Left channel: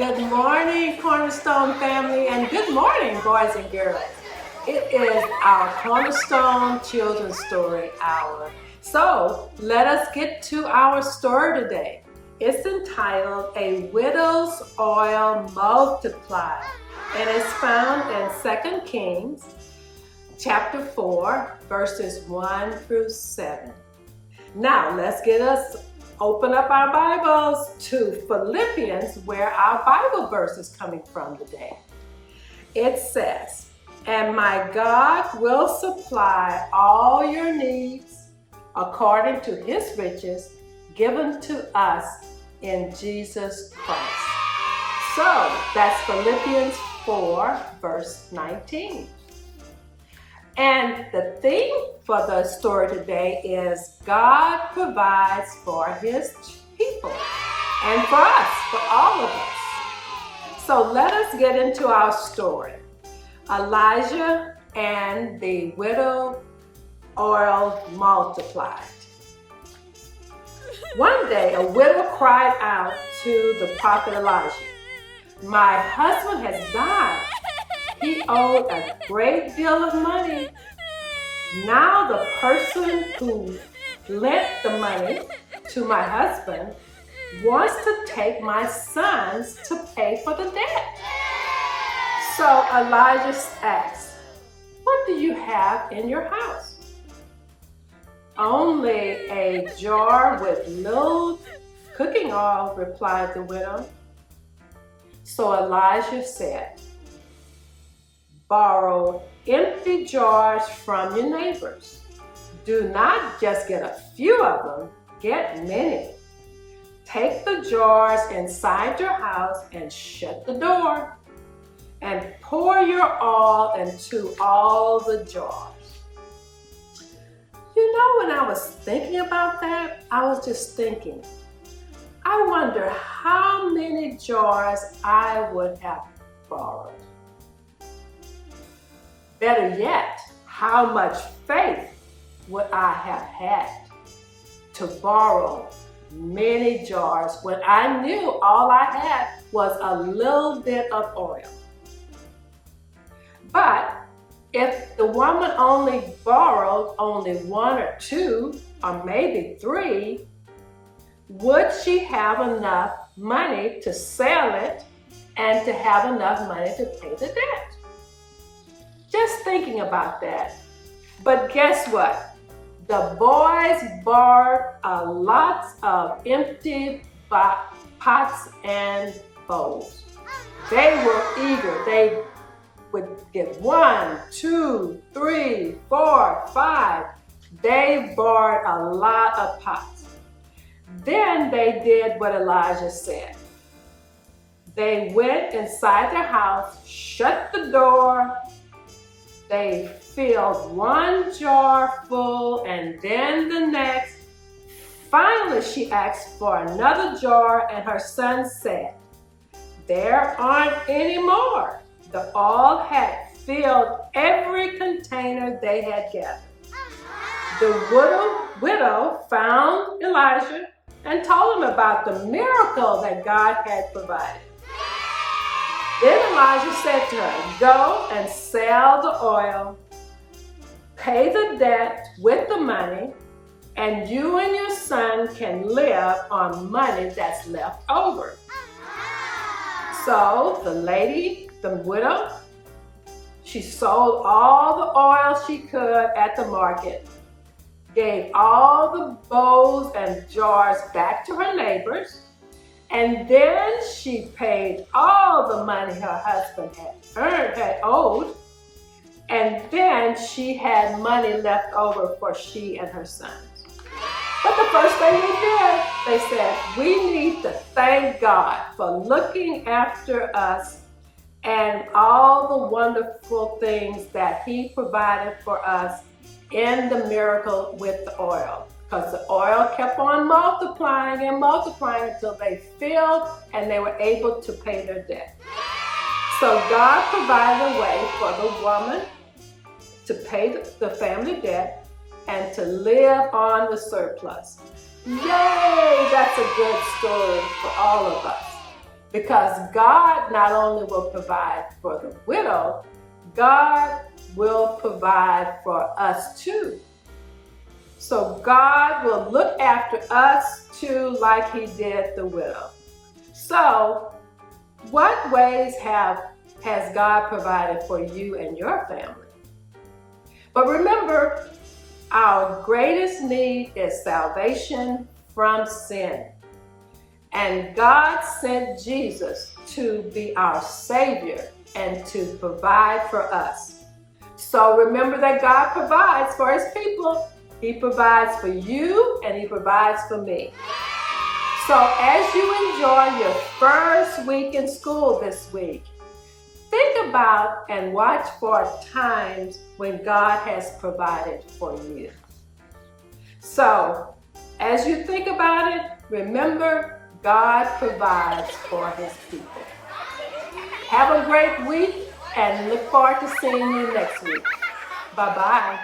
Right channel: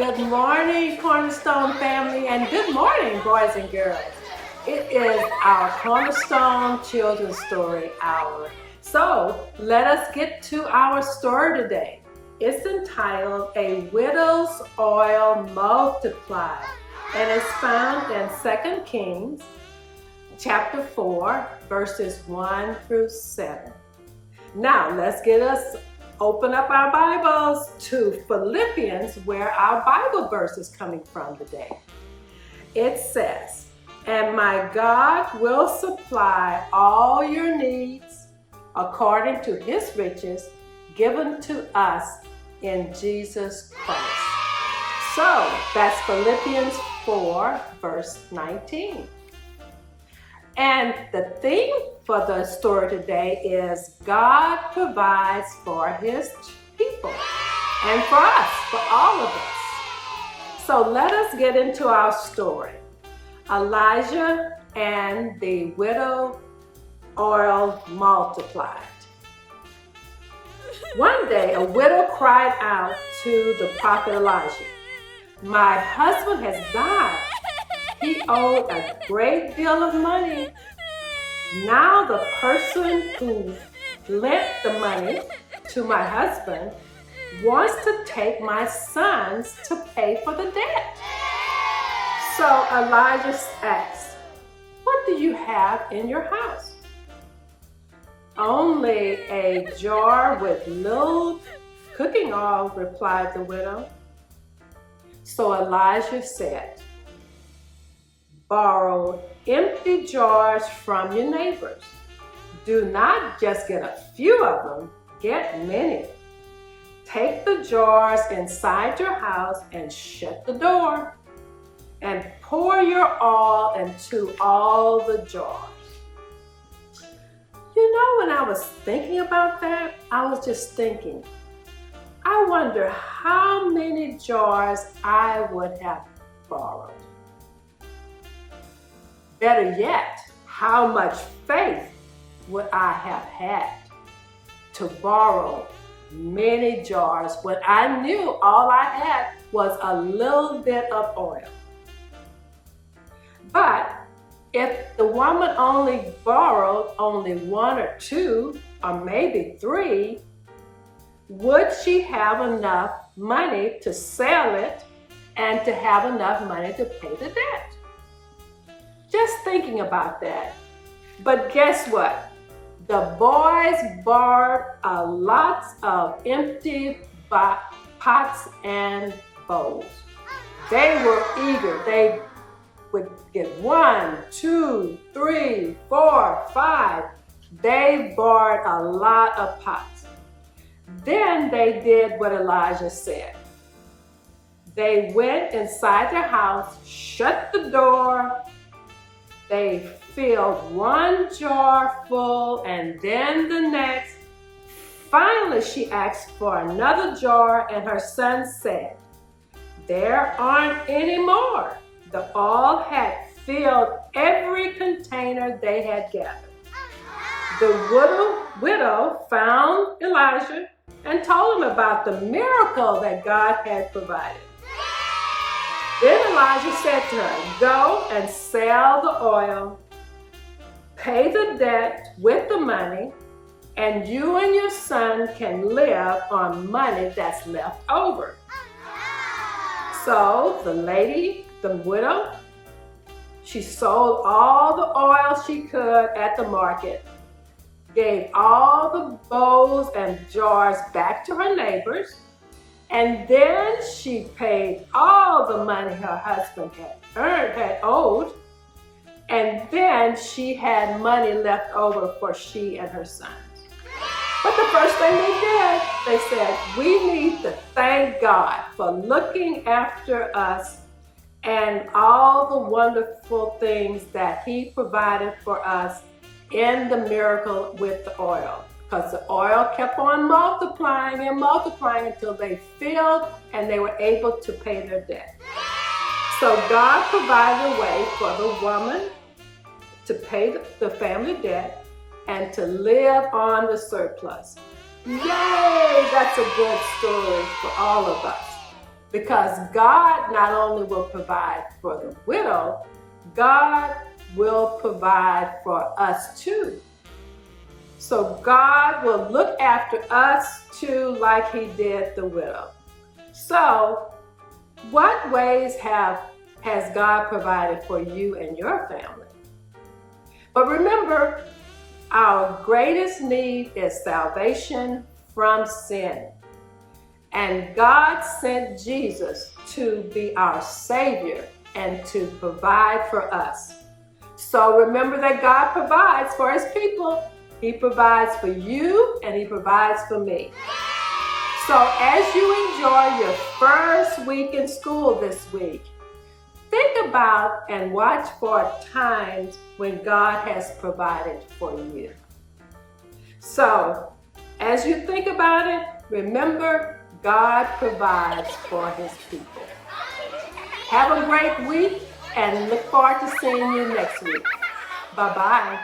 Good morning, Cornerstone family, and good morning, boys and girls. It is our Cornerstone Children's Story Hour. So let us get to our story today. It's entitled A Widow's Oil Multiplied, and it's found in 2 Kings chapter 4, verses 1 through 7. Now let's open up our Bibles to Philippians, where our Bible verse is coming from today. It says, "And my God will supply all your needs according to his riches given to us in Jesus Christ." So that's Philippians 4, verse 19. And the theme for the story today is God provides for his people and for us, for all of us. So let us get into our story. Elijah and the widow oil multiplied. One day, a widow cried out to the prophet Elijah, "My husband has died. He owed a great deal of money. Now the person who lent the money to my husband wants to take my sons to pay for the debt." So Elijah asked, "What do you have in your house?" "Only a jar with little cooking oil," replied the widow. So Elijah said, "Borrow empty jars from your neighbors. Do not just get a few of them, get many. Take the jars inside your house and shut the door, and pour your oil into all the jars." You know, when I was thinking about that, I was just thinking, I wonder how many jars I would have borrowed. Better yet, how much faith would I have had to borrow many jars when I knew all I had was a little bit of oil? But if the woman only borrowed only one or two, or maybe three, would she have enough money to sell it and to have enough money to pay the debt? Just thinking about that. But guess what? The boys borrowed a lot of empty pots and bowls. They were eager. They would get 1, 2, 3, 4, 5. They borrowed a lot of pots. Then they did what Elijah said. They went inside their house, shut the door. They filled one jar full and then the next. Finally, she asked for another jar, and her son said, "There aren't any more." The oil had filled every container they had gathered. The widow found Elijah and told him about the miracle that God had provided. Then Elijah said to her, "Go and sell the oil, pay the debt with the money, and you and your son can live on money that's left over." So the widow, she sold all the oil she could at the market, gave all the bowls and jars back to her neighbors, and then she paid all the money her husband had owed, and then she had money left over for she and her sons. But the first thing they did, they said, "We need to thank God for looking after us and all the wonderful things that he provided for us in the miracle with the oil." Because the oil kept on multiplying and multiplying until they filled and they were able to pay their debt. So God provided a way for the woman to pay the family debt and to live on the surplus. Yay! That's a good story for all of us. Because God not only will provide for the widow, God will provide for us too. So God will look after us too, like he did the widow. So what ways has God provided for you and your family? But remember, our greatest need is salvation from sin. And God sent Jesus to be our Savior and to provide for us. So remember that God provides for his people. He provides for you and he provides for me. So as you enjoy your first week in school this week, think about and watch for times when God has provided for you. So as you think about it, remember, God provides for his people. Have a great week and look forward to seeing you next week. Bye-bye.